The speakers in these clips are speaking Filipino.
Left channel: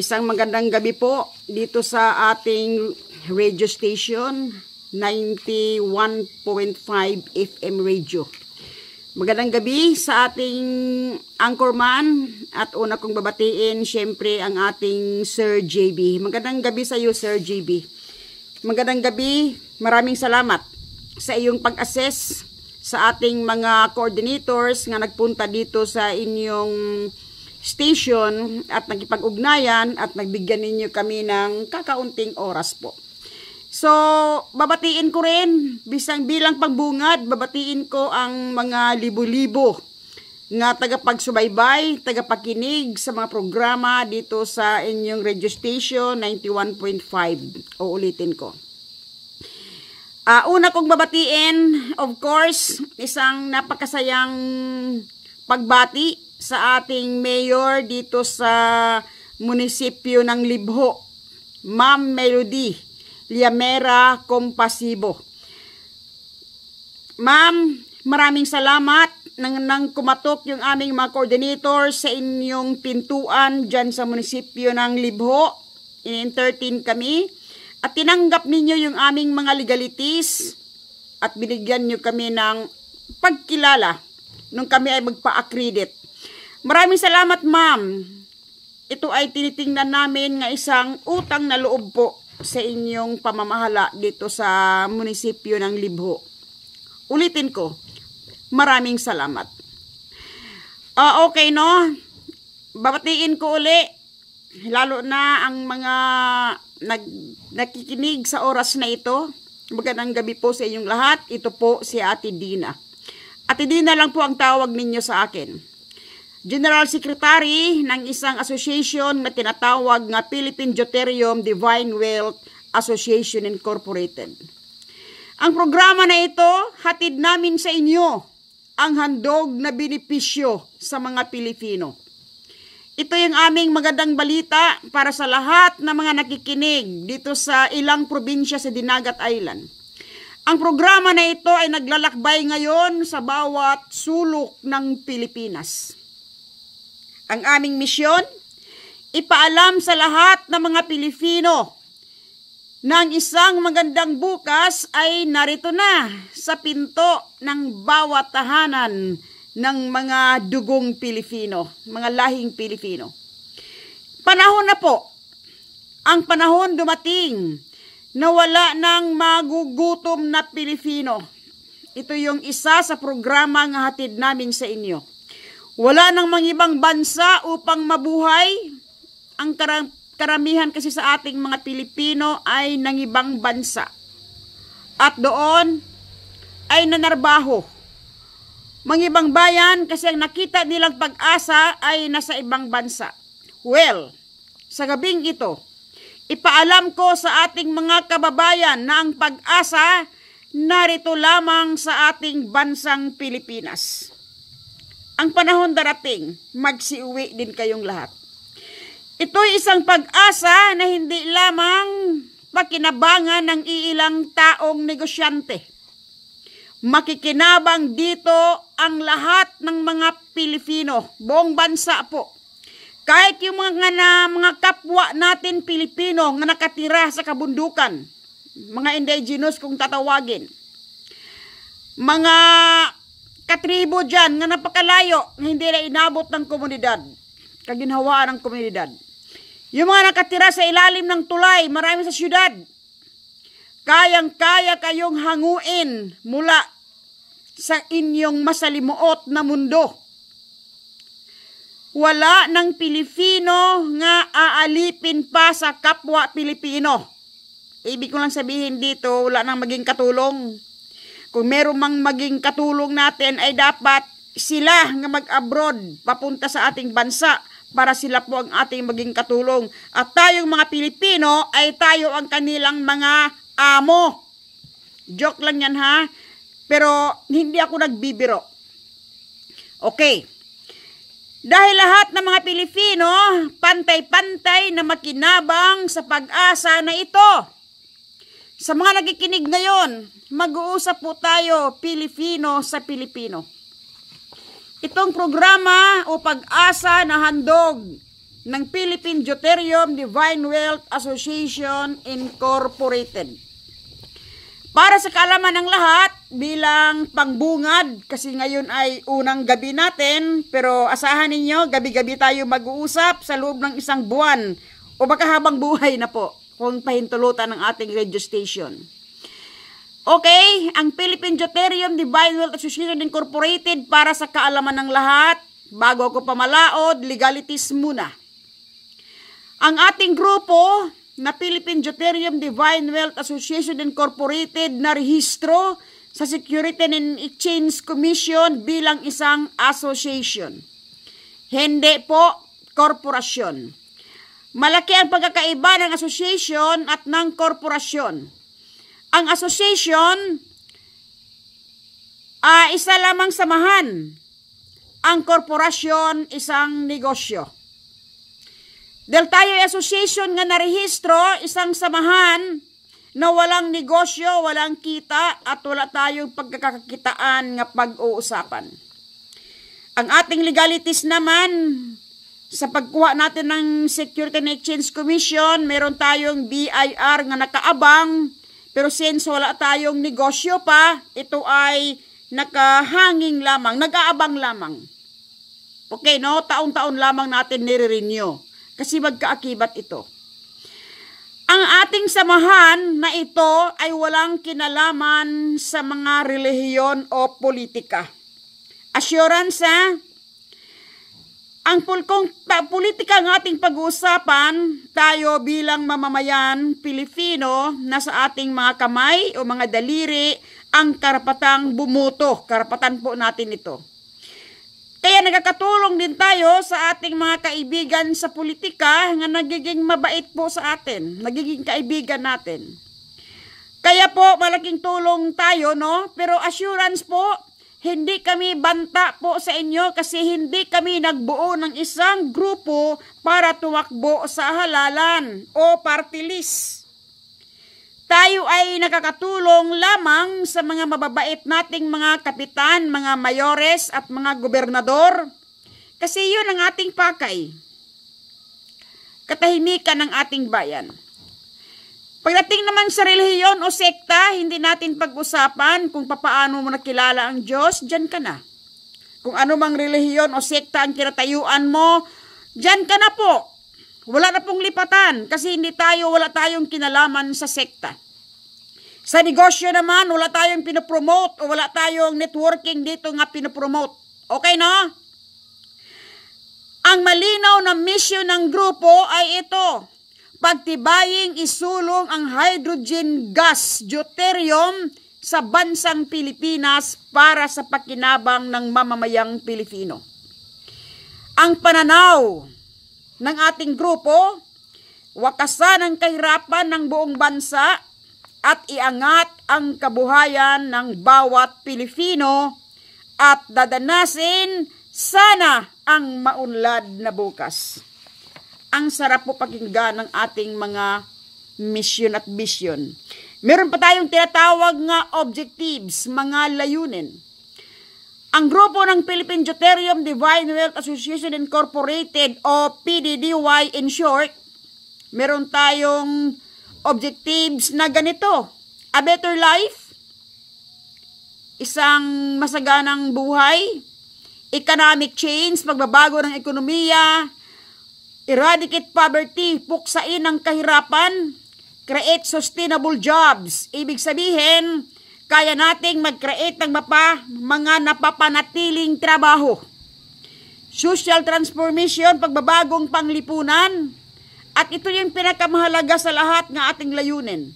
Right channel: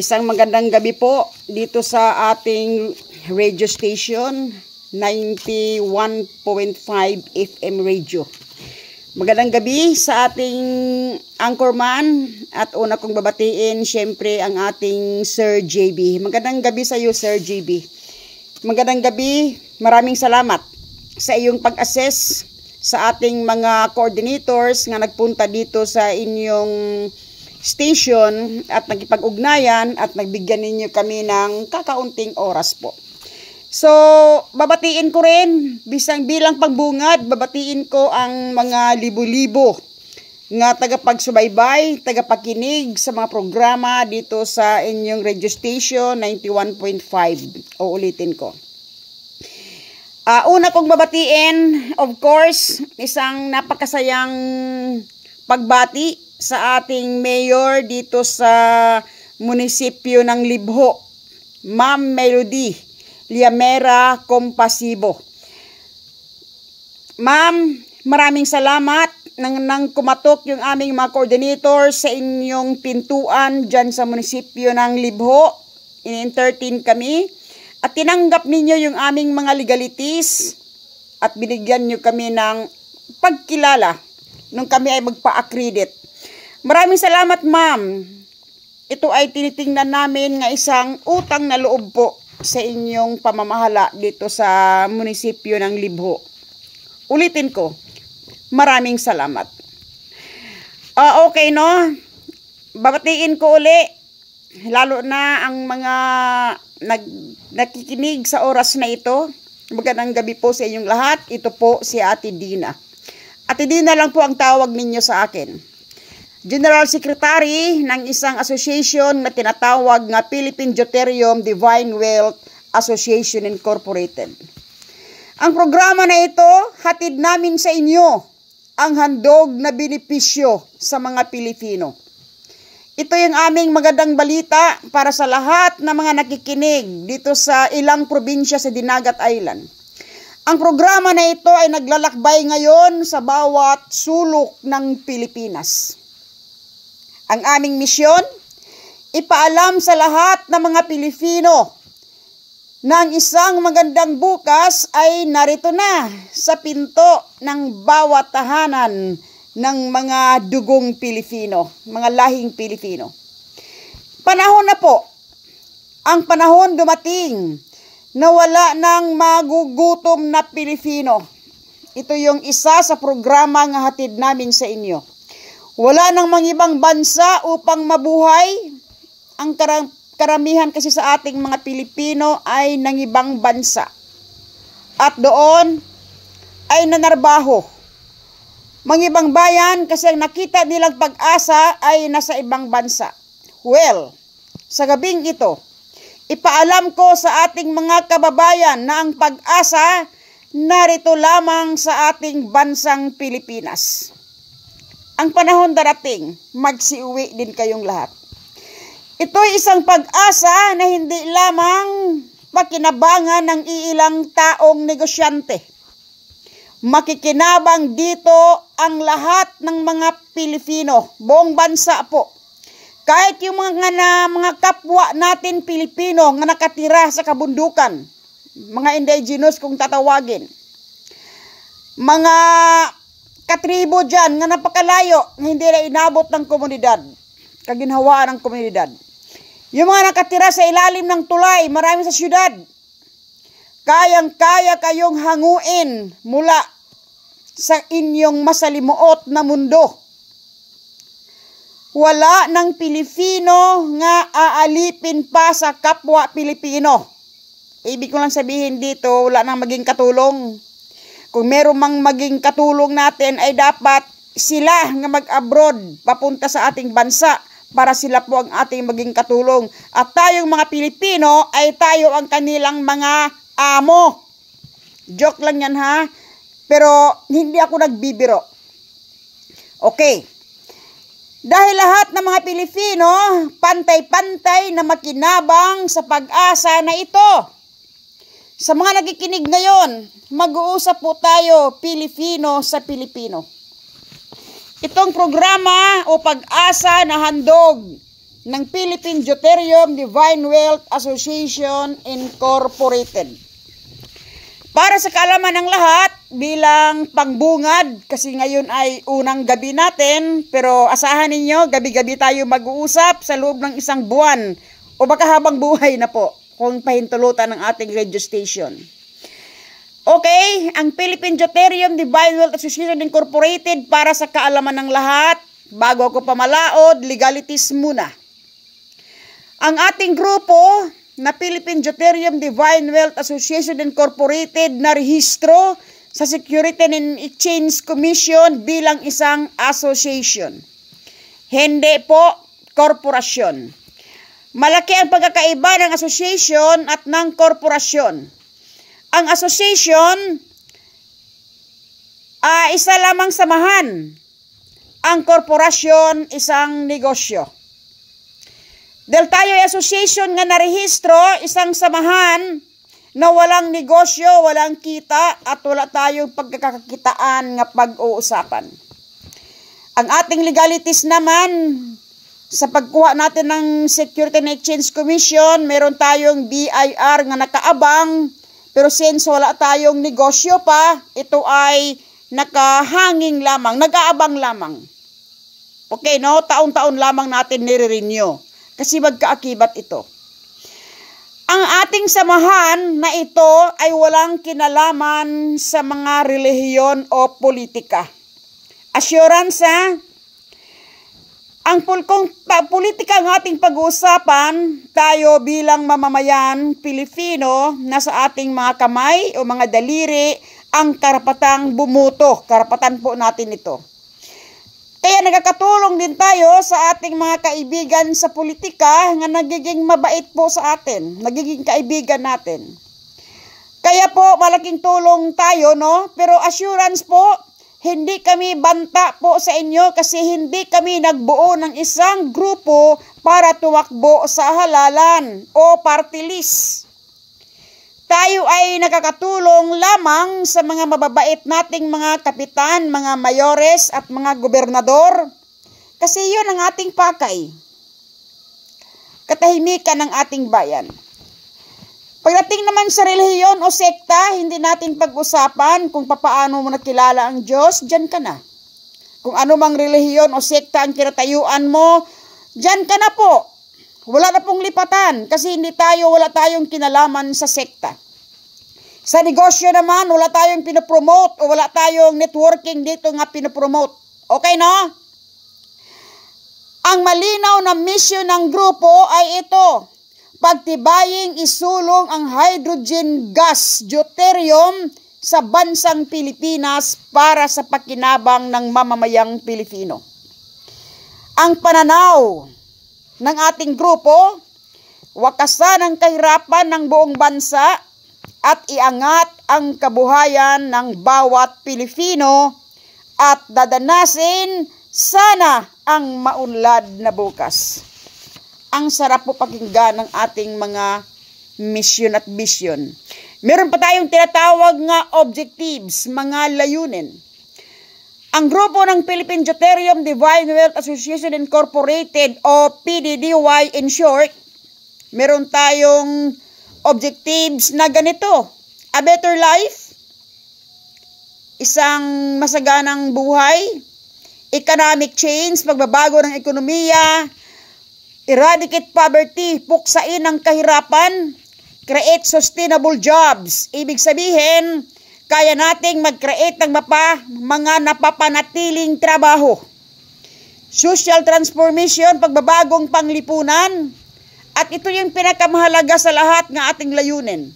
Isang magandang gabi po dito sa ating radio station, 91.5 FM radio. Magandang gabi sa ating anchorman at una kong babatiin syempre ang ating Sir JB. Magandang gabi sa iyo, Sir JB. Magandang gabi, maraming salamat sa iyong pag-assess sa ating mga coordinators nga nagpunta dito sa inyong station at nagipag-ugnayan at nagbigyan ninyo kami ng kakaunting oras po. So, babatiin ko rin, bisang bilang pagbungad, babatiin ko ang mga libo-libo nga tagapagsubaybay, tagapakinig sa mga programa dito sa inyong radio station 91.5. Uulitin ko. Una kong babatiin, of course, isang napakasayang pagbati sa ating mayor dito sa munisipyo ng Libho, Ma'am Melody Liamera Compasibo. Ma'am, maraming salamat nang kumatok yung aming mga coordinators sa inyong pintuan dyan sa munisipyo ng Libho. In-entertain kami at tinanggap ninyo yung aming mga legalities at binigyan nyo kami ng pagkilala nung kami ay magpa-accredit. Maraming salamat, ma'am. Ito ay tinitingnan namin nga isang utang na loob po sa inyong pamamahala dito sa munisipyo ng Libho. Ulitin ko, maraming salamat. Okay, no? Babatiin ko uli, lalo na ang mga nakikinig sa oras na ito. Magandang gabi po sa inyong lahat. Ito po si Ate Dina. Ate Dina lang po ang tawag ninyo sa akin. General Secretary ng isang association na tinatawag nga Philippine Deuterium Divine Wealth Association Incorporated. Ang programa na ito, hatid namin sa inyo ang handog na benepisyo sa mga Pilipino. Ito yung aming magandang balita para sa lahat ng mga nakikinig dito sa ilang probinsya sa Dinagat Island. Ang programa na ito ay naglalakbay ngayon sa bawat sulok ng Pilipinas. Ang aming misyon, ipaalam sa lahat ng mga Pilipino na ang isang magandang bukas ay narito na sa pinto ng bawat tahanan ng mga dugong Pilipino, mga lahing Pilipino. Panahon na po, ang panahon dumating na wala nang magugutom na Pilipino. Ito yung isa sa programa nga hatid namin sa inyo. Wala nang mga ibang bansa upang mabuhay. Ang karamihan kasi sa ating mga Pilipino ay nang ibang bansa. At doon ay nanarbaho. Mga ibang bayan kasi ang nakita nilang pag-asa ay nasa ibang bansa. Well, sa gabing ito, ipaalam ko sa ating mga kababayan na ang pag-asa narito lamang sa ating bansang Pilipinas. Ang panahon darating, magsiuwi din kayong lahat. Ito'y isang pag-asa na hindi lamang pakinabangan ng iilang taong negosyante. Makikinabang dito ang lahat ng mga Pilipino, buong bansa po. Kahit yung mga kapwa natin Pilipino na nakatira sa kabundukan, mga indigenous kung tatawagin, mga katribo dyan nga napakalayo, hindi na inabot ng komunidad, kaginhawaan ng komunidad. Yung mga nakatira sa ilalim ng tulay, marami sa syudad, kayang-kaya kayong hanguin mula sa inyong masalimuot na mundo. Wala ng Pilipino nga aalipin pa sa kapwa Pilipino. Ibig ko lang sabihin dito, wala nang maging katulong. Kung meron mang maging katulong natin ay dapat sila nga mag-abroad papunta sa ating bansa para sila po ang ating maging katulong. At tayong mga Pilipino ay tayo ang kanilang mga amo. Joke lang yan ha. Pero hindi ako nagbibiro. Okay. Dahil lahat ng mga Pilipino pantay-pantay na makinabang sa pag-asa na ito. Sa mga nakikinig ngayon, mag-uusap po tayo Pilipino sa Pilipino. Itong programa o pag-asa na handog ng Philippine Deuterium Divine Wealth Association Incorporated. Para sa kaalaman ng lahat, bilang pangbungad, kasi ngayon ay unang gabi natin, pero asahan ninyo, gabi-gabi tayo mag-uusap sa loob ng isang buwan o baka habang buhay na po kung pahintulutan ng ating radio station. Okay, ang Philippine Deuterium Divine Wealth Association Incorporated, para sa kaalaman ng lahat, bago ako pamalaod, legalities muna. Ang ating grupo na Philippine Deuterium Divine Wealth Association Incorporated na rehistro sa Securities and Exchange Commission bilang isang association. Hindi po korporasyon. Malaki ang pagkakaiba ng association at ng korporasyon. Ang association, isa lamang samahan. Ang korporasyon, isang negosyo. Dahil tayo ay association nga narehistro, isang samahan na walang negosyo, walang kita, at wala tayong pagkakakitaan nga pag-uusapan. Ang ating legalities naman, sa pagkuha natin ng Securities and Exchange Commission, meron tayong BIR nga nakaabang, pero since wala tayong negosyo pa, ito ay nakahanging lamang, nag-aabang lamang. Okay, no? Taon-taon lamang natin nire-renew. Kasi magkaakibat ito. Ang ating samahan na ito ay walang kinalaman sa mga relihiyon o politika. Assurance, ang politika ng ating pag-uusapan, tayo bilang mamamayan Pilipino, nasa ating mga kamay o mga daliri ang karapatang bumuto. Karapatan po natin ito. Kaya nagkakatulong din tayo sa ating mga kaibigan sa politika nga nagiging mabait po sa atin, nagiging kaibigan natin. Kaya po malaking tulong tayo, no? Pero assurance po, hindi kami banta po sa inyo kasi hindi kami nagbuo ng isang grupo para tumakbo sa halalan o party list. Tayo ay nakakatulong lamang sa mga mababait nating mga kapitan, mga mayores at mga gobernador. Kasi yun ang ating pakay. Katahimikan ng ating bayan. Pagdating naman sa relihiyon o sekta, hindi natin pag-usapan kung papaano mo nakilala ang Diyos, dyan ka na. Kung ano mang relihiyon o sekta ang kinatayuan mo, dyan ka na po. Wala na pong lipatan kasi wala tayong kinalaman sa sekta. Sa negosyo naman, wala tayong pinopromote o wala tayong networking dito nga pinopromote. Okay, no? Ang malinaw na mission ng grupo ay ito. Pagtibaying isulong ang hydrogen gas, deuterium, sa bansang Pilipinas para sa pakinabang ng mamamayang Pilipino. Ang pananaw ng ating grupo, wakasan ang kahirapan ng buong bansa at iangat ang kabuhayan ng bawat Pilipino at dadanasin sana ang maunlad na bukas. Ang sarap po pakinggan ng ating mga mission at vision. Meron pa tayong tinatawag nga objectives, mga layunin. Ang grupo ng Philippine Deuterium Divine Wealth Association Incorporated o PDDY in short, meron tayong objectives na ganito. A better life, isang masaganang buhay, economic change, pagbabago ng ekonomiya, eradicate poverty, puksain ang kahirapan, create sustainable jobs. Ibig sabihin, kaya nating mag-create ng mga napapanatiling trabaho. Social transformation, pagbabagong panglipunan. At ito yung pinakamahalaga sa lahat ng ating layunin.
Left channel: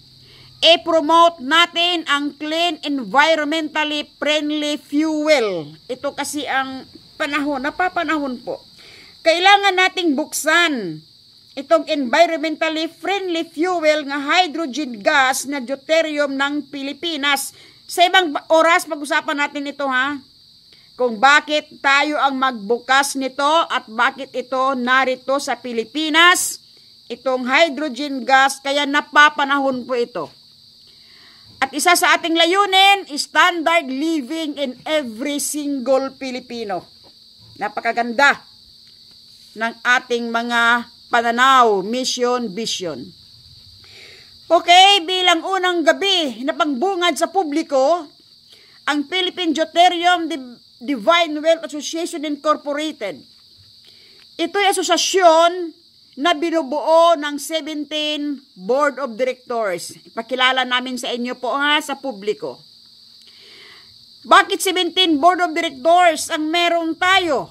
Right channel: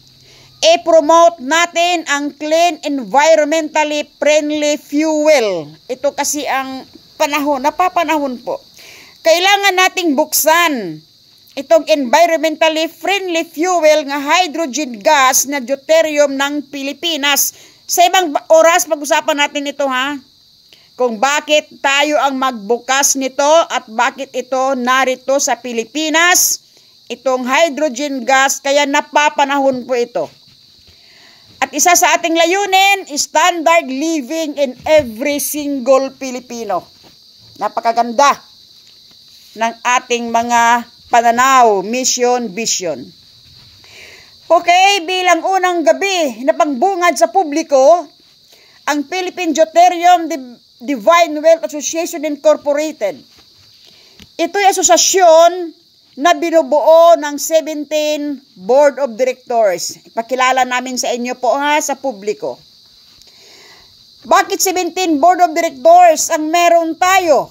I-promote natin ang clean, environmentally friendly fuel. Ito kasi ang panahon, napapanahon po. Kailangan nating buksan itong environmentally friendly fuel nga hydrogen gas na deuterium ng Pilipinas. Sa ibang oras pag-usapan natin ito ha. Kung bakit tayo ang magbukas nito at bakit ito narito sa Pilipinas. Itong hydrogen gas kaya napapanahon po ito. At isa sa ating layunin, standard living in every single Pilipino. Napakaganda. ng ating mga pananaw, mission, vision. Okay, bilang unang gabi na pangbungad sa publiko, ang Philippine Deuterium Divine Wealth Association Incorporated. Ito'y asosasyon na binubuo ng 17 Board of Directors. Ipakilala namin sa inyo po sa publiko. Bakit 17 Board of Directors ang meron tayo?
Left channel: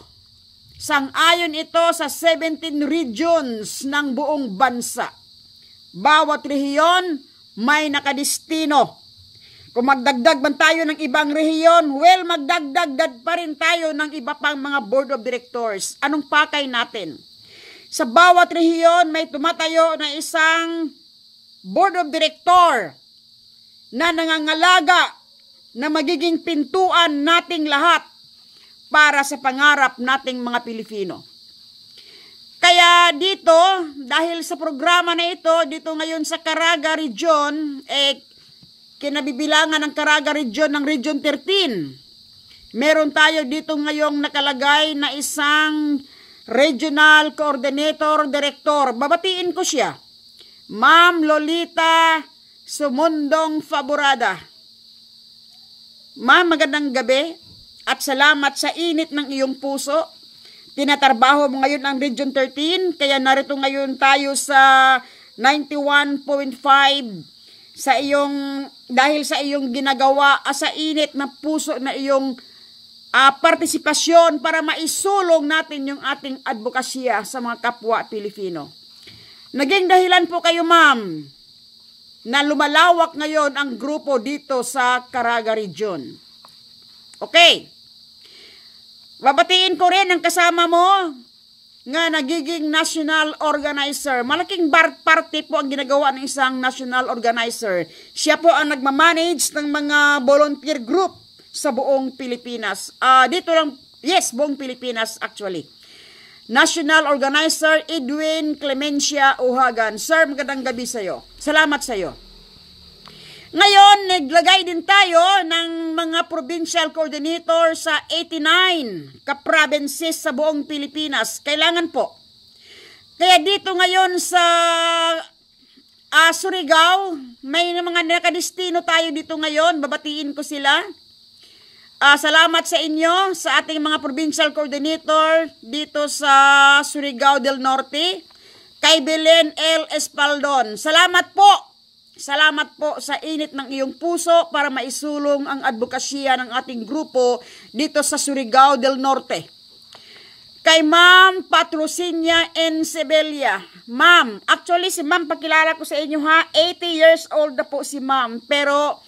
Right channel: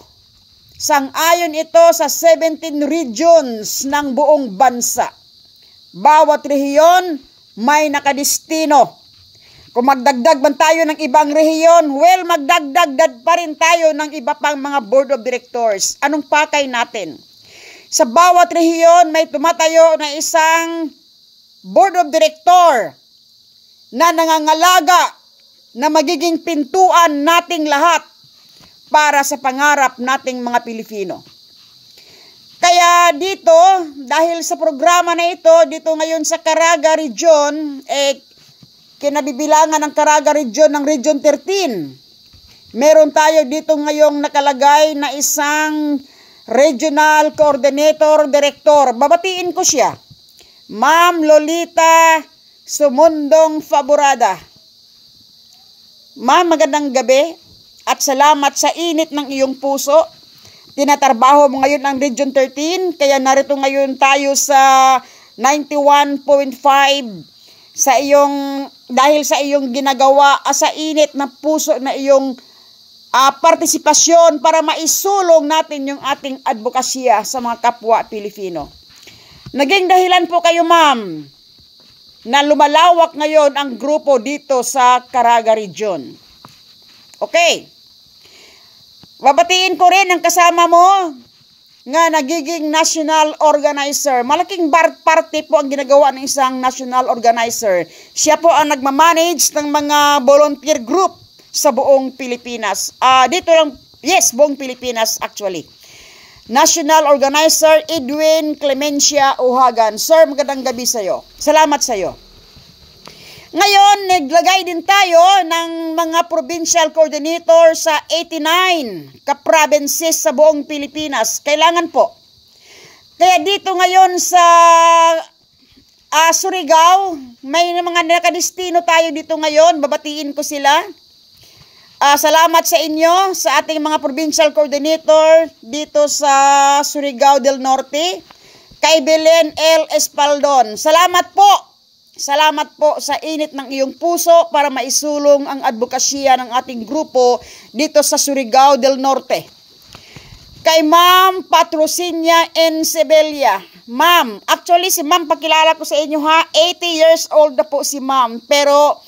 Sang-ayon ito sa 17 regions ng buong bansa. Bawat rehiyon may nakadestino. Kung magdagdag man tayo ng ibang rehiyon, well, magdagdag pa rin tayo ng iba pang mga board of directors. Anong pakay natin? Sa bawat rehiyon, may tumatayo na isang board of director na nangangalaga na magiging pintuan nating lahat para sa pangarap nating mga Pilipino. Kaya dito, dahil sa programa na ito, dito ngayon sa Caraga Region, kinabibilangan ng Caraga Region ng Region 13. Meron tayo dito ngayong nakalagay na isang Regional Coordinator Director. Babatiin ko siya. Ma'am Lolita Sumundong Faborada. Ma'am, magandang gabi at salamat sa init ng iyong puso. Tinatrabaho mo ngayon ang Region 13, kaya narito ngayon tayo sa 91.5 sa iyong, dahil sa iyong ginagawa sa init na puso na iyong partisipasyon para maisulong natin yung ating advokasya sa mga kapwa Pilipino. Naging dahilan po kayo, ma'am, na lumalawak ngayon ang grupo dito sa Caraga Region. Okay. Babatiin ko rin ang kasama mo nga nagiging national organizer. Malaking party po ang ginagawa ng isang national organizer. Siya po ang nagmamanage ng mga volunteer group sa buong Pilipinas. Dito lang, yes, buong Pilipinas actually. National Organizer Edwin Clemencia Uhagan. Sir, magandang gabi sa iyo. Salamat sa iyo. Ngayon, naglagay din tayo ng mga provincial coordinator sa 89 ka-provinces sa buong Pilipinas. Kailangan po. Kaya dito ngayon sa Surigao, may mga nakadestino tayo dito ngayon. Babatiin ko sila. Salamat sa inyo, sa ating mga provincial coordinator dito sa Surigao del Norte. Kay Belen L. Espaldon. Salamat po. Salamat po sa init ng iyong puso para maisulong ang advokasya ng ating grupo dito sa Surigao del Norte. Kay Ma'am Patrocinia N. Sebella. Ma'am, actually si Ma'am, pakilala ko sa inyo 80 years old na po si Ma'am. Pero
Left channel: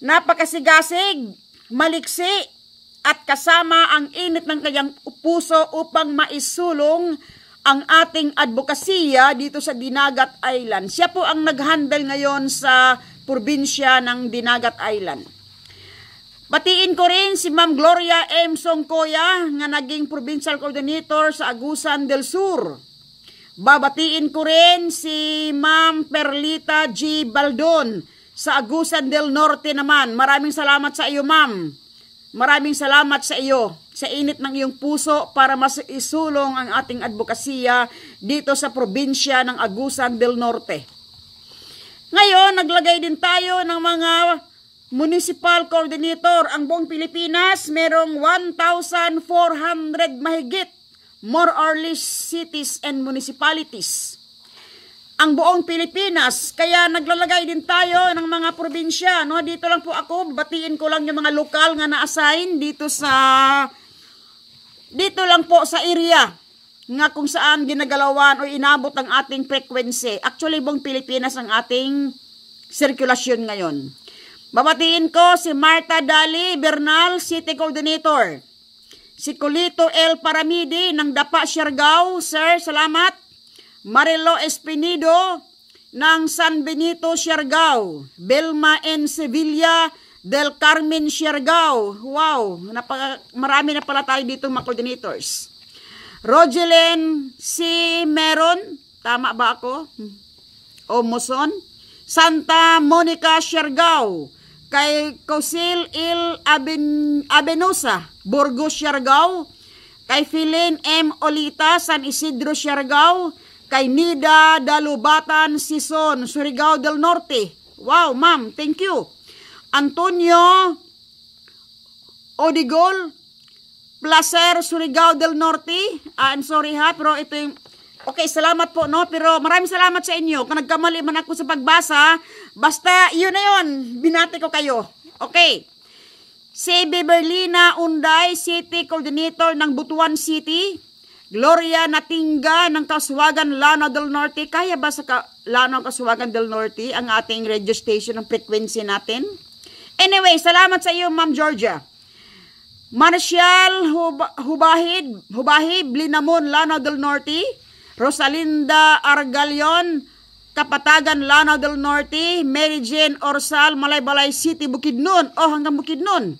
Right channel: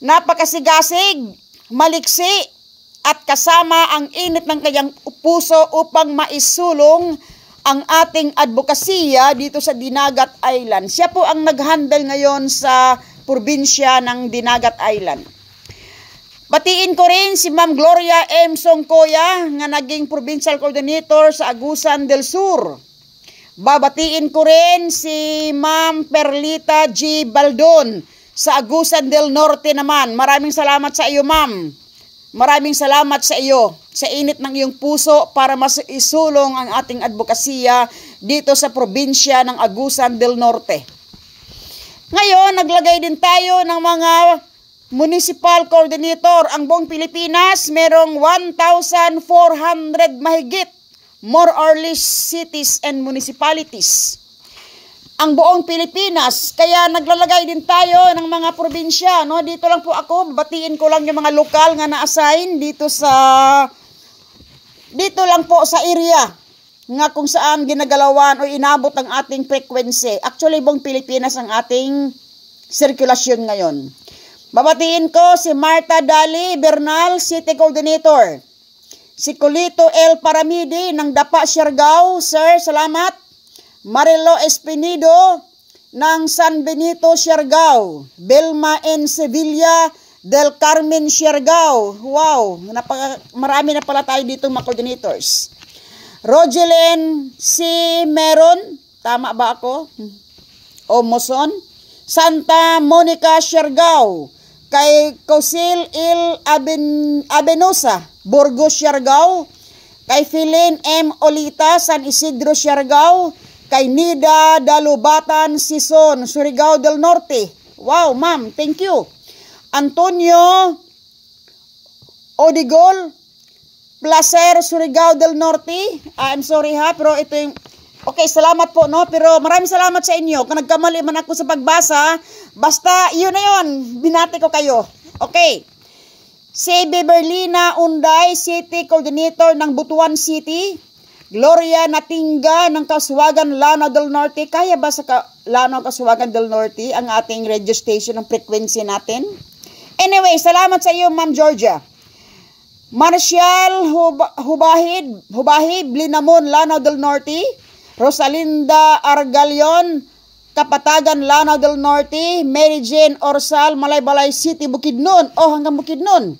napakasigasig, maliksi, at kasama ang init ng kanyang puso upang maisulong ang ating advokasya dito sa Dinagat Island. Siya po ang nag-handle ngayon sa probinsya ng Dinagat Island. Batiin ko rin si Ma'am Gloria M. Songkoya nga naging provincial coordinator sa Agusan del Sur. Babatiin ko rin si Ma'am Perlita G. Baldon sa Agusan del Norte naman. Maraming salamat sa iyo, Ma'am. Maraming salamat sa iyo, sa init ng iyong puso para mas isulong ang ating advokasya dito sa probinsya ng Agusan del Norte. Ngayon, naglagay din tayo ng mga municipal coordinator. Ang buong Pilipinas, merong 1,400 mahigit, more or less cities and municipalities. Ang buong Pilipinas, kaya naglalagay din tayo ng mga probinsya, no? Dito lang po ako, batiin ko lang yung mga lokal nga na-assign dito lang po sa area nga kung saan ginagalawan o inabot ang ating frequency. Actually, buong Pilipinas ang ating sirkulasyon ngayon. Babatiin ko si Marta Dali Bernal, City Coordinator. Si Colito L. Paramidi ng Dapa, Siargao. Sir, salamat. Marilo Espinido ng San Benito, Siargao. Belma N. Sevilla del Carmen, Siargao. Wow, marami na pala tayo dito mga coordinators. Rogelyn C. Meron, tama ba ako? O Moson. Santa Monica, Siargao. Kay Cosil Il Abenosa, Burgos, Siargao. kay Philin M. Olita, San Isidro, Siargao, kay Nida Dalubatan, Sison, Surigao del Norte. Wow, ma'am, thank you. Antonio Odigol, Placer, Surigao del Norte. I'm sorry ha, pero ito yung... Okay, salamat po, no? Pero maraming salamat sa inyo. Kung nagkamali man ako sa pagbasa, basta yun na yun. Binati ko kayo. Okay. Si Beberlina Unday, City Coordinator ng Butuan City. Gloria Natinga ng Kasuwagan, Lanao del Norte. Kaya ba sa Lanao, Kasuwagan del Norte ang ating radio station ng frequency natin? Anyway, salamat sa iyo, Ma'am Georgia. Marcial Hubahib, Linamon, Lanao del Norte. Rosalinda Argalion, Kapatagan, Lanao del Norte. Mary Jane Orsal, Malaybalay City, Bukidnon. Oh, hanggang Bukidnon.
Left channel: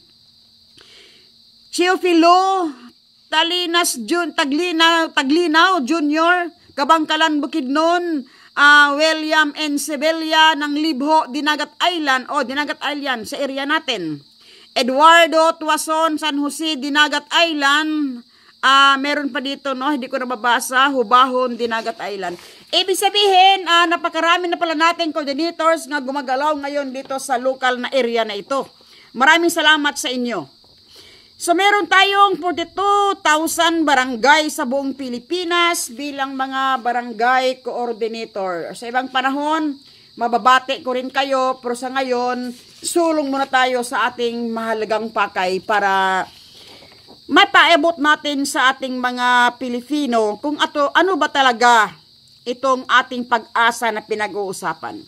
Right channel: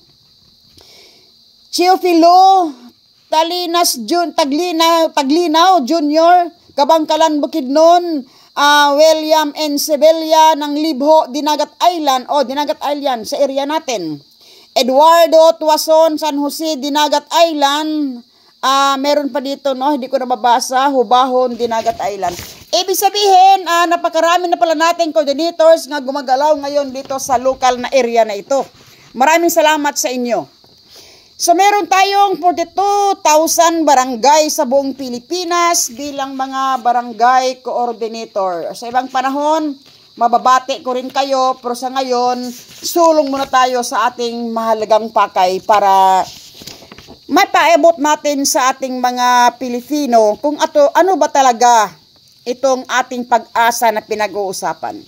Chiofilo Taglinaw Jr., Kabangkalan, Bukidnon. William N. Sevilla ng Libho, Dinagat Island. Oh, Dinagat Island sa area natin. Eduardo Tuason, San Jose, Dinagat Island. Meron pa dito, no? Hindi ko na mabasa. Hubahon, Dinagat Island. Ibig sabihin, napakarami na pala natin coordinators nga gumagalaw ngayon dito sa local na area na ito. Maraming salamat sa inyo. So, meron tayong 42,000 barangay sa buong Pilipinas bilang mga barangay coordinator. Sa ibang panahon, mababati ko rin kayo, pero sa ngayon, sulong muna tayo sa ating mahalagang pakay para mapaabot natin sa ating mga Pilipino kung ano ba talaga itong ating pag-asa na pinag-uusapan.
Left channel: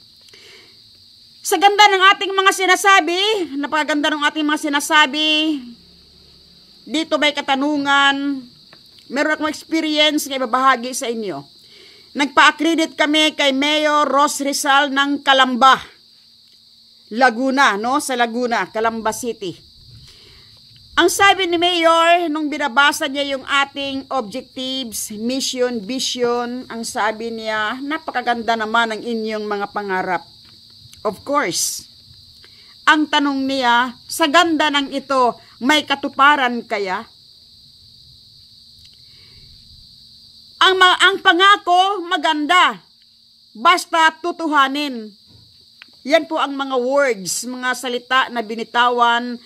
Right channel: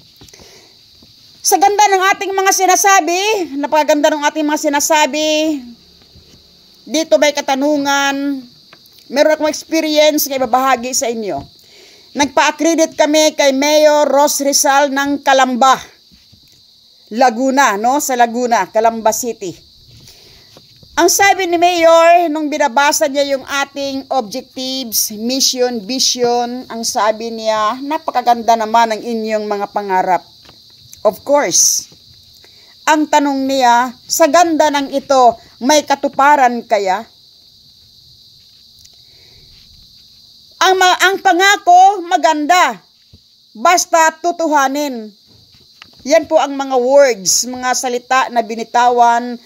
Sa ganda ng ating mga sinasabi, napakaganda ng ating mga sinasabi, dito may katanungan, meron akong experience na ibabahagi sa inyo. Nagpa-accredit kami kay Mayor Ros Rizal ng Calamba, Laguna, no? Sa Laguna, Calamba City. Ang sabi ni Mayor, nung binabasa niya yung ating objectives, mission, vision, ang sabi niya, napakaganda naman ang inyong mga pangarap. Of course, ang tanong niya, sa ganda ng ito, may katuparan kaya? Ang pangako, maganda. Basta tutuhanin. Yan po ang mga words, mga salita na binitawan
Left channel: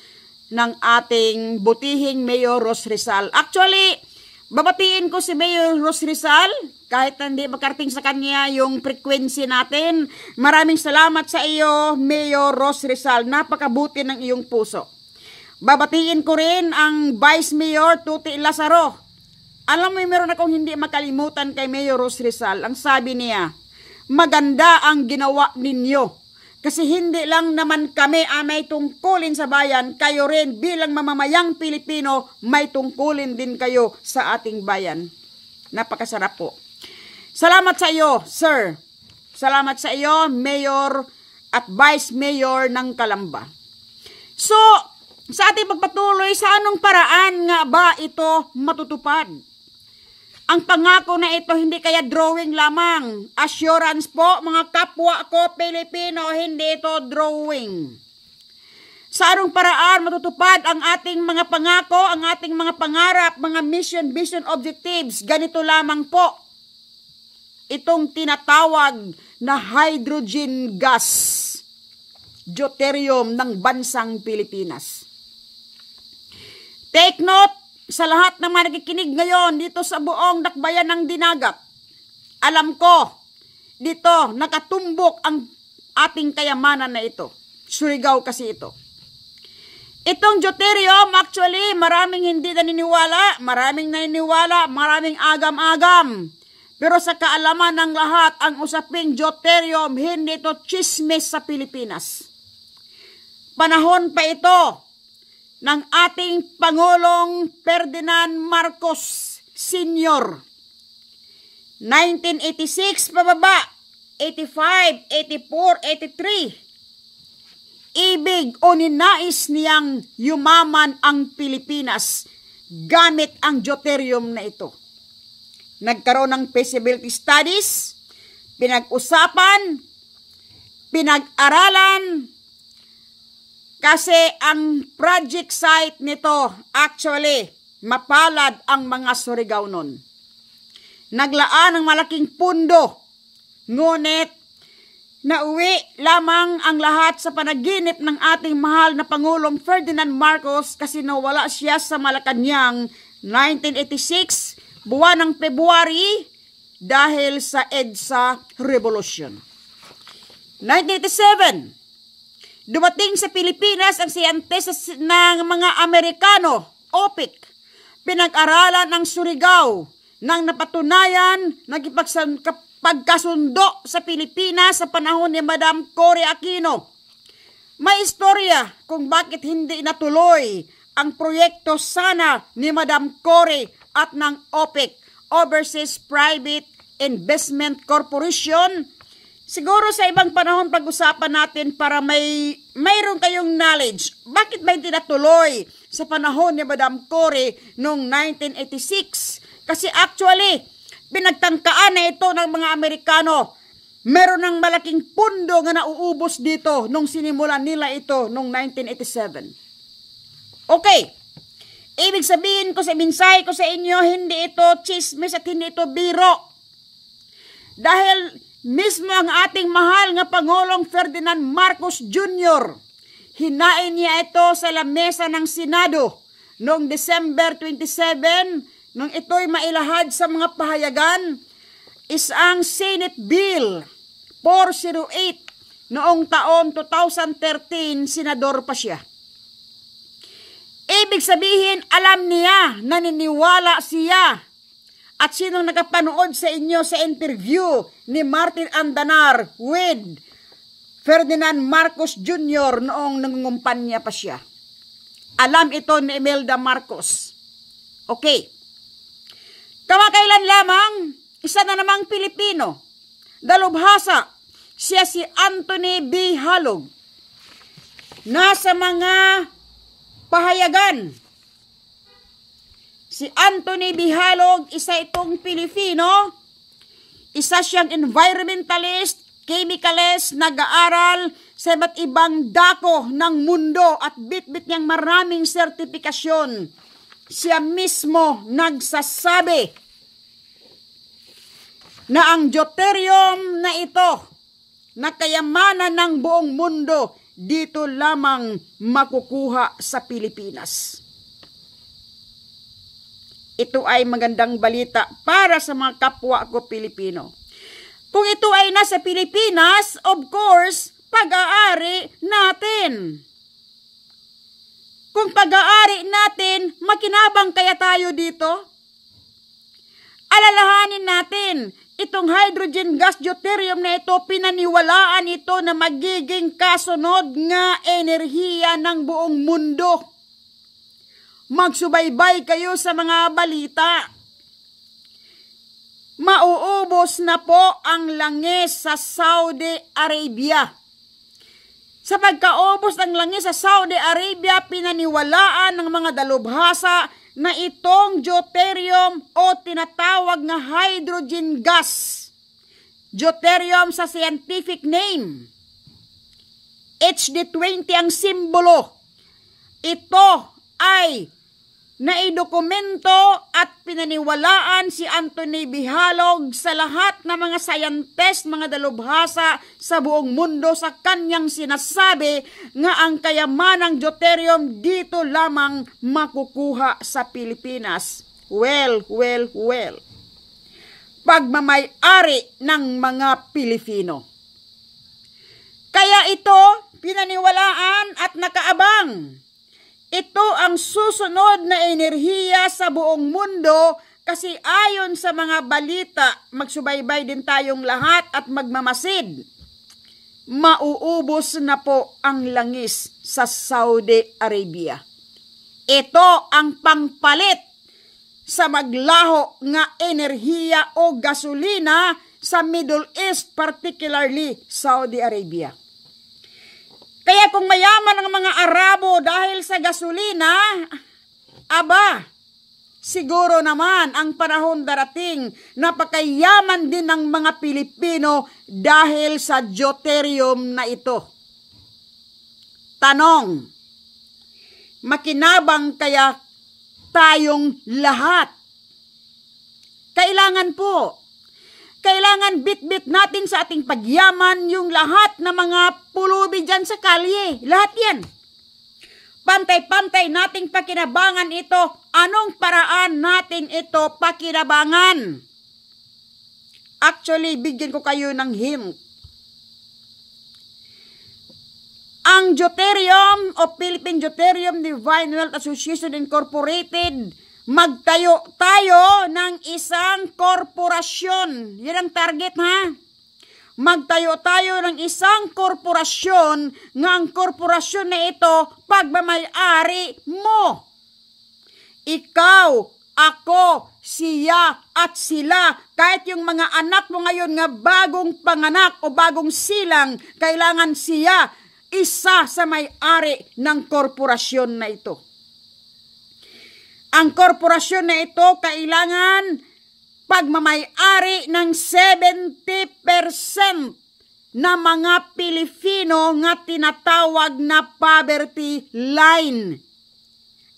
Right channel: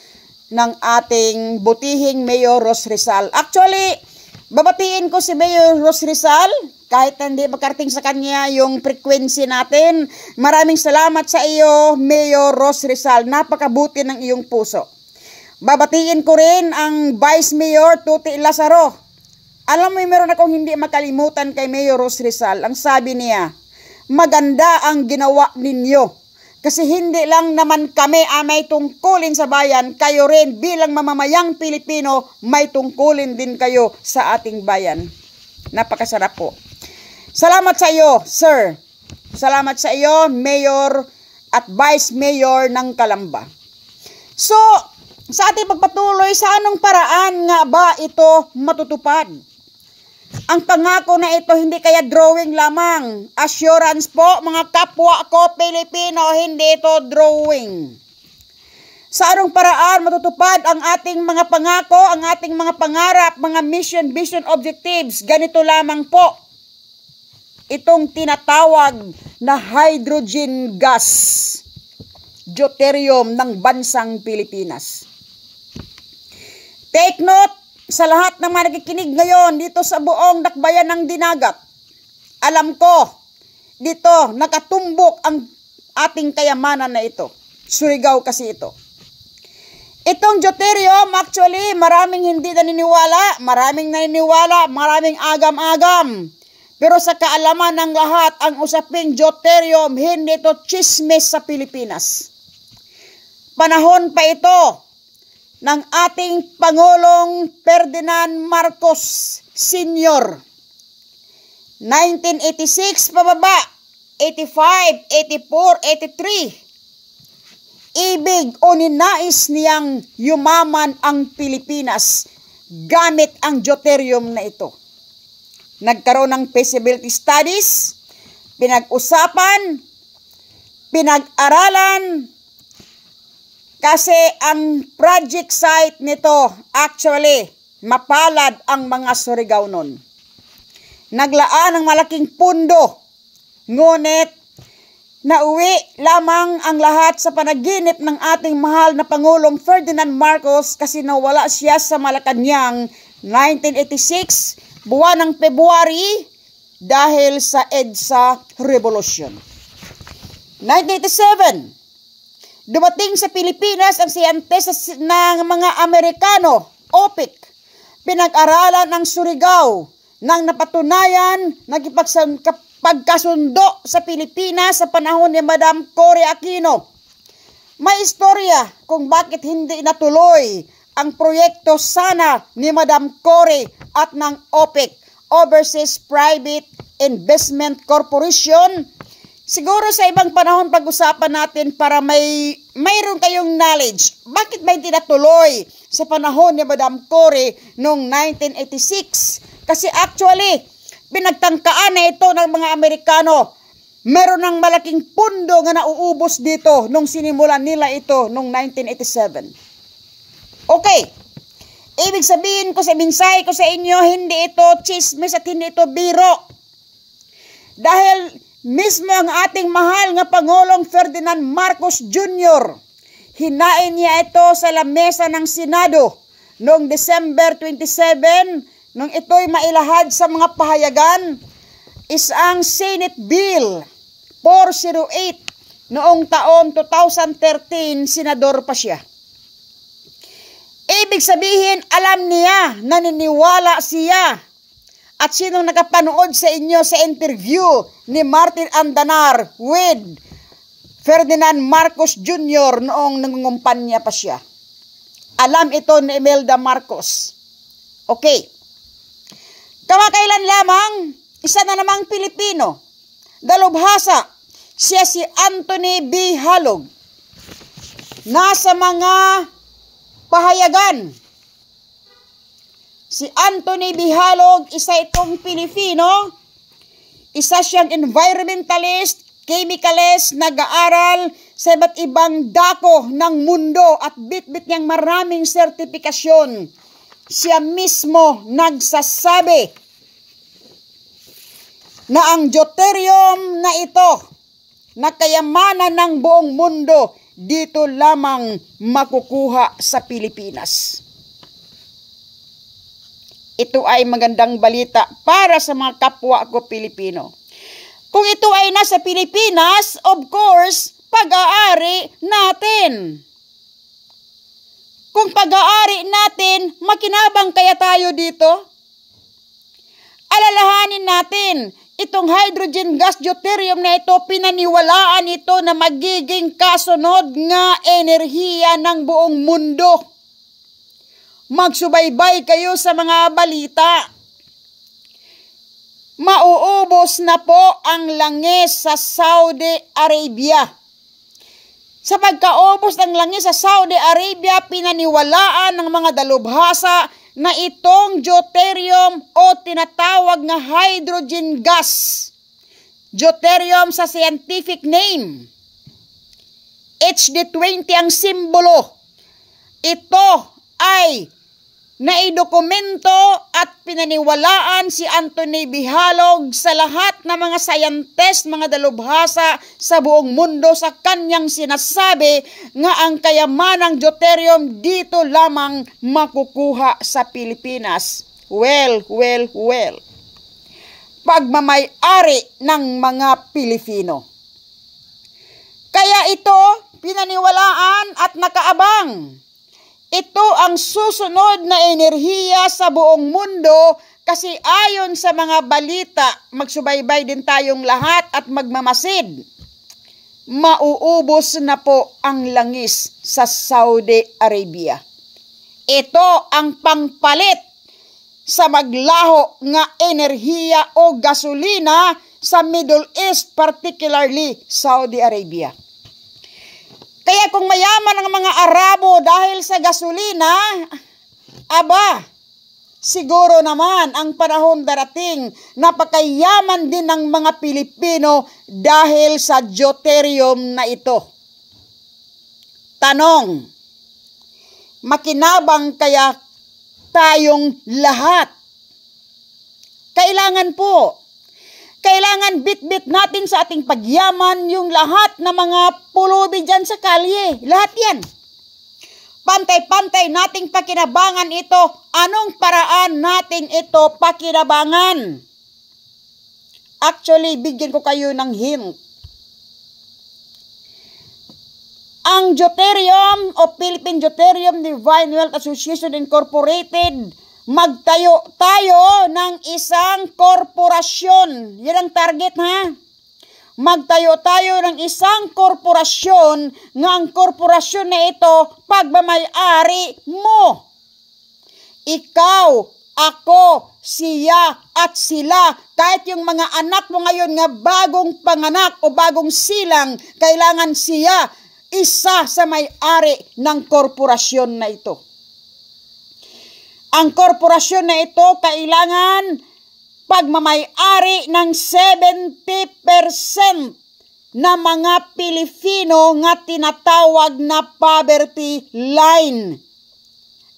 ng ating butihing Mayor Ros Rizal. Actually, babatiin ko si Mayor Ros Rizal, kahit hindi makarating sa kanya yung frequency natin. Maraming salamat sa iyo, Mayor Ros Rizal. Napakabuti ng iyong puso. Babatiin ko rin ang Vice Mayor Tuti Lazaro. Alam mo, meron akong hindi makalimutan kay Mayor Ros Rizal. Ang sabi niya, maganda ang ginawa ninyo. Kasi hindi lang naman kami may tungkulin sa bayan, kayo rin bilang mamamayang Pilipino, may tungkulin din kayo sa ating bayan. Napakasarap po. Salamat sa iyo, sir. Salamat sa iyo, Mayor at Vice Mayor ng Calamba. So, sa ating pagpatuloy, sa anong paraan nga ba ito matutupad? Ang pangako na ito hindi kaya drawing lamang. Assurance po, mga kapwa ko Pilipino, hindi ito drawing. Sa anong paraan matutupad ang ating mga pangako, ang ating mga pangarap, mga mission, vision, objectives? Ganito lamang po. Itong tinatawag na hydrogen gas, deuterium ng bansang Pilipinas. Take note sa lahat ng mga nakikinig ngayon dito sa buong dakbayan ng Dinagat. Alam ko, dito nakatumbok ang ating kayamanan na ito. Surigao kasi ito. Itong deuterium, actually, maraming hindi naniniwala, maraming agam-agam. Pero sa kaalaman ng lahat, ang usaping deuterium, hindi ito chismis sa Pilipinas. Panahon pa ito ng ating Pangulong Ferdinand Marcos Sr. 1986 pababa, 85, 84, 83. Ibig o ninais niyang yumaman ang Pilipinas gamit ang deuterium na ito. Nagkaroon ng feasibility studies, pinag-usapan, pinag-aralan, kasi ang project site nito actually mapalad ang mga Surigao nun. Naglaan ng malaking pundo, ngunit nauwi lamang ang lahat sa panaginip ng ating mahal na Pangulong Ferdinand Marcos kasi nawala siya sa Malacanang 1986, buwan ng February dahil sa EDSA Revolution. 1987, dumating sa Pilipinas ang siyentes ng mga Amerikano, OPIC. Pinag-aralan ng Surigao nang napatunayan nagpagkasundo sa Pilipinas sa panahon ni Madam Cory Aquino. May istorya kung bakit hindi natuloy ang proyekto sana ni Madam Cory at ng OPIC, Overseas Private Investment Corporation. Siguro sa ibang panahon pag-usapan natin para mayroon kayong knowledge. Bakit ba hindi natuloy sa panahon ni Madam Cory noong 1986? Kasi actually, pinagtangkaan na ito ng mga Amerikano. Meron ng malaking pundo nga nauubos dito nung sinimulan nila ito noong 1987. Okay. Ibig sabihin ko sa minsay ko sa inyo, hindi ito chismis at hindi ito biro. Dahil mismo ang ating mahal nga Pangulong Ferdinand Marcos Jr., hinain niya ito sa lamesa ng Senado noong December 27, nung ito'y mailahad sa mga pahayagan, isang Senate Bill 408 noong taon 2013, senador pa siya. Ibig sabihin, alam niya, naniniwala siya. At sinong nakapanood sa inyo sa interview ni Martin Andanar with Ferdinand Marcos Jr. noong nangungumpanya pa siya? Alam ito ni Imelda Marcos. Okay. Kamakailan lamang, isa na namang Pilipino, dalubhasa, siya si Anthony B. Halog. Nasa mga pahayagan. Si Anthony B. Halog, isa itong Pilipino, isa siyang environmentalist, chemicalist, nag-aaral sa iba't ibang dako ng mundo at bit-bit niyang maraming sertifikasyon. Siya mismo nagsasabi na ang deuterium na ito, na kayamanan ng buong mundo, dito lamang makukuha sa Pilipinas. Ito ay magandang balita para sa mga kapwa ko Pilipino. Kung ito ay nasa Pilipinas, of course, pag-aari natin. Kung pag-aari natin, makinabang kaya tayo dito? Alalahanin natin, itong hydrogen gas deuterium na ito, pinaniwalaan ito na magiging kasunod nga enerhiya ng buong mundo. Magsubaybay kayo sa mga balita. Mauubos na po ang langis sa Saudi Arabia. Sa pagkaubos ng langis sa Saudi Arabia, pinaniwalaan ng mga dalubhasa na itong deuterium o tinatawag na hydrogen gas. Deuterium sa scientific name. HD20 ang simbolo. Ito ay naidokumento at pinaniwalaan si Anthony B. Halog sa lahat ng mga scientist, mga dalubhasa sa buong mundo sa kanyang sinasabi nga ang kayamanang deuterium dito lamang makukuha sa Pilipinas. Well. Pagmamay-ari ng mga Pilipino. Kaya ito pinaniwalaan at nakaabang. Ito ang susunod na enerhiya sa buong mundo kasi ayon sa mga balita, magsubaybay din tayong lahat at magmamasid. Mauubos na po ang langis sa Saudi Arabia. Ito ang pangpalit sa maglaho nga enerhiya o gasolina sa Middle East, particularly Saudi Arabia. Kaya kung mayaman ang mga Arabo dahil sa gasolina, aba, siguro naman ang panahon darating, napakayaman din ng mga Pilipino dahil sa deuterium na ito. Tanong, makinabang kaya tayong lahat. Kailangan po. Kailangan bit-bit natin sa ating pagyaman yung lahat na mga pulubi dyan sa kalye. Lahat yan. Pantay-pantay nating pakinabangan ito. Anong paraan natin ito pakinabangan? Actually, bigyan ko kayo ng hint. Ang Deuterium o Philippine Deuterium Divine Wealth Association Incorporated, magtayo tayo ng isang korporasyon. Yan ang target, ha? Magtayo tayo ng isang korporasyon nga ang korporasyon na ito pagmamay-ari mo. Ikaw, ako, siya at sila, kahit yung mga anak mo ngayon nga bagong panganak o bagong silang, kailangan siya isa sa may-ari ng korporasyon na ito. Ang korporasyon na ito kailangan pagmamay-ari ng 70% na mga Pilipino nga tinatawag na poverty line.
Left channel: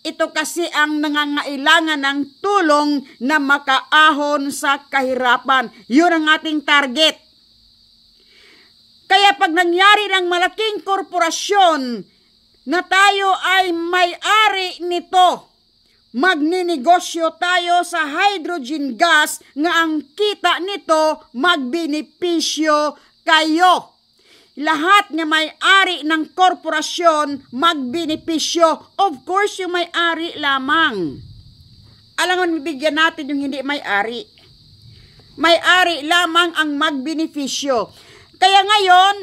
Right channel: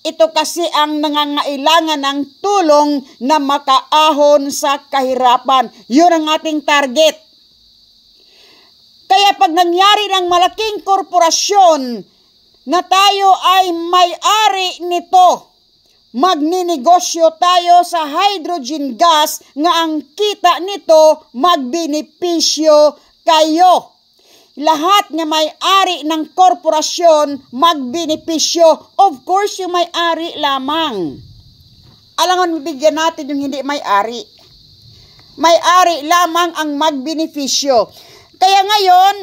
Ito kasi ang nangangailangan ng tulong na makaahon sa kahirapan. Yun ang ating target. Kaya pag nangyari ng malaking korporasyon na tayo ay may-ari nito, magninegosyo tayo sa hydrogen gas nga ang kita nito magbenepisyo kayo. Lahat nga may-ari ng korporasyon magbenepisyo. Of course, yung may-ari lamang. Alangan, bibigyan natin yung hindi may-ari. May-ari lamang ang magbenepisyo. Kaya ngayon,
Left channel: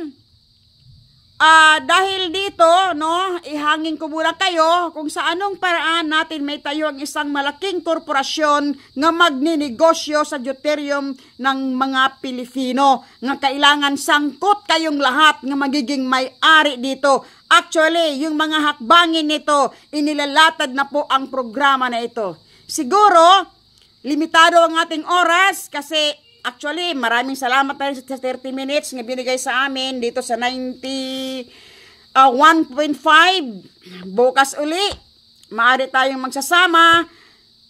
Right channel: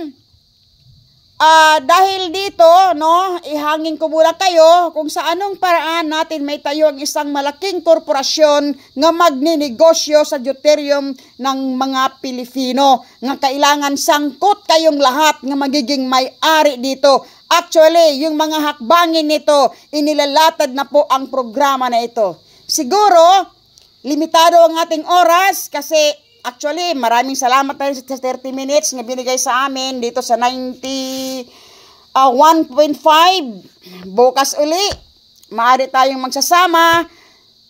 dahil dito, no, ihangin ko muna kayo kung sa anong paraan natin may tayo ang isang malaking korporasyon nga magninegosyo sa deuterium ng mga Pilipino. Nga kailangan sangkot kayong lahat nga magiging may-ari dito. Actually, yung mga hakbangin nito, inilalatad na po ang programa na ito. Siguro, limitado ang ating oras kasi actually, maraming salamat tayo sa 30 minutes nga binigay sa amin dito sa 1.5. Bukas uli, maaari tayong magsasama.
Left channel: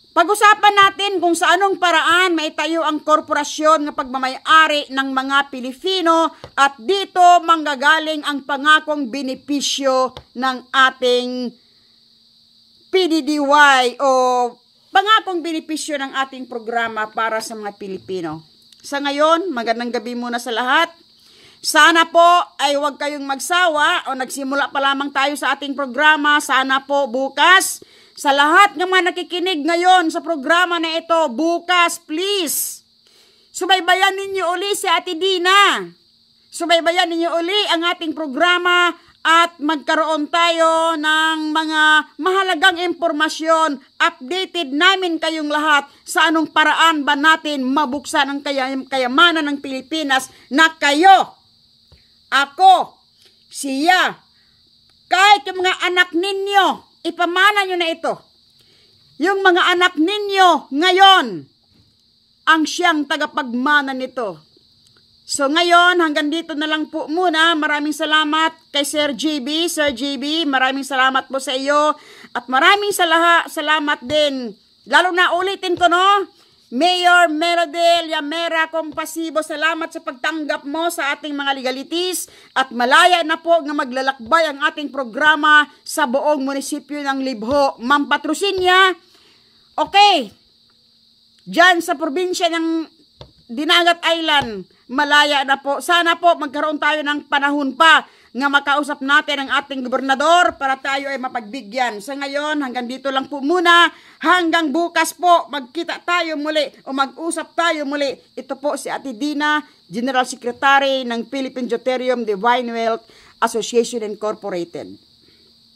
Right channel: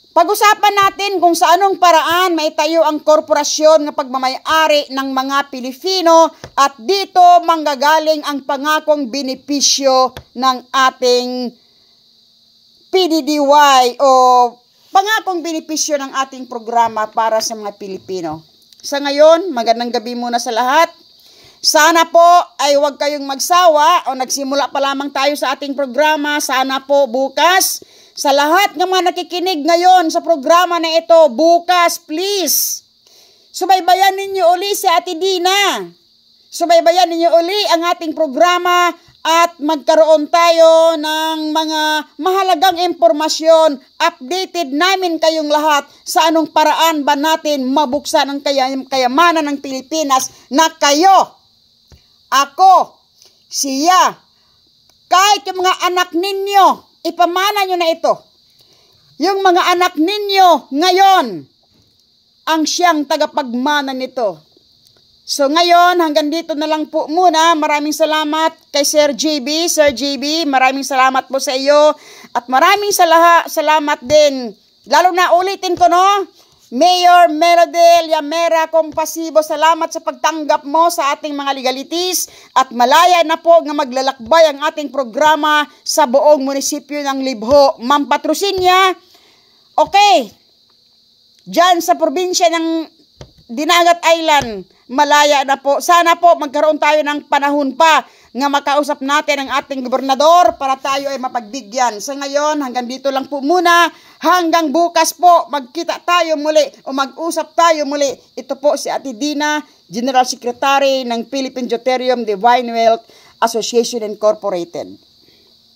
Pag-usapan natin kung sa anong paraan maitayo ang korporasyon na pagmamay-ari ng mga Pilipino at dito manggagaling ang pangakong benepisyo ng ating PDDY o pangakong benepisyo ng ating programa para sa mga Pilipino. Sa ngayon, magandang gabi muna sa lahat. Sana po ay huwag kayong magsawa o nagsimula pa lamang tayo sa ating programa. Sana po bukas, sa lahat ng mga nakikinig ngayon sa programa na ito, bukas please, subaybayan ninyo uli si Ate Dina. Subaybayan ninyo uli ang ating programa at magkaroon tayo ng mga mahalagang impormasyon. Updated namin kayong lahat sa anong paraan ba natin mabuksan ang kayamanan ng Pilipinas na kayo, ako, siya, kahit yung mga anak ninyo, ipamana nyo na ito. Yung mga anak ninyo ngayon, ang siyang tagapagmana nito. So ngayon, hanggang dito na lang po muna. Maraming salamat kay Sir JB. Sir JB, maraming salamat po sa iyo. At maraming salamat din. Lalo na ulitin ko, no? Mayor Merodel Yamera Compasibo, salamat sa pagtanggap mo sa ating mga legalities. At malaya na po nga maglalakbay ang ating programa sa buong munisipyo ng Libho. Ma'am Patrocinia, okay. Diyan sa probinsya ng Dinagat Island, malaya na po. Sana po magkaroon tayo ng panahon pa nga makausap natin ang ating gobernador para tayo ay mapagbigyan. Sa ngayon, hanggang dito lang po muna. Hanggang bukas po, magkita tayo muli o mag-usap tayo muli. Ito po si Ate Dina, General Secretary ng Philippine Deuterium Divine Wealth Association Incorporated.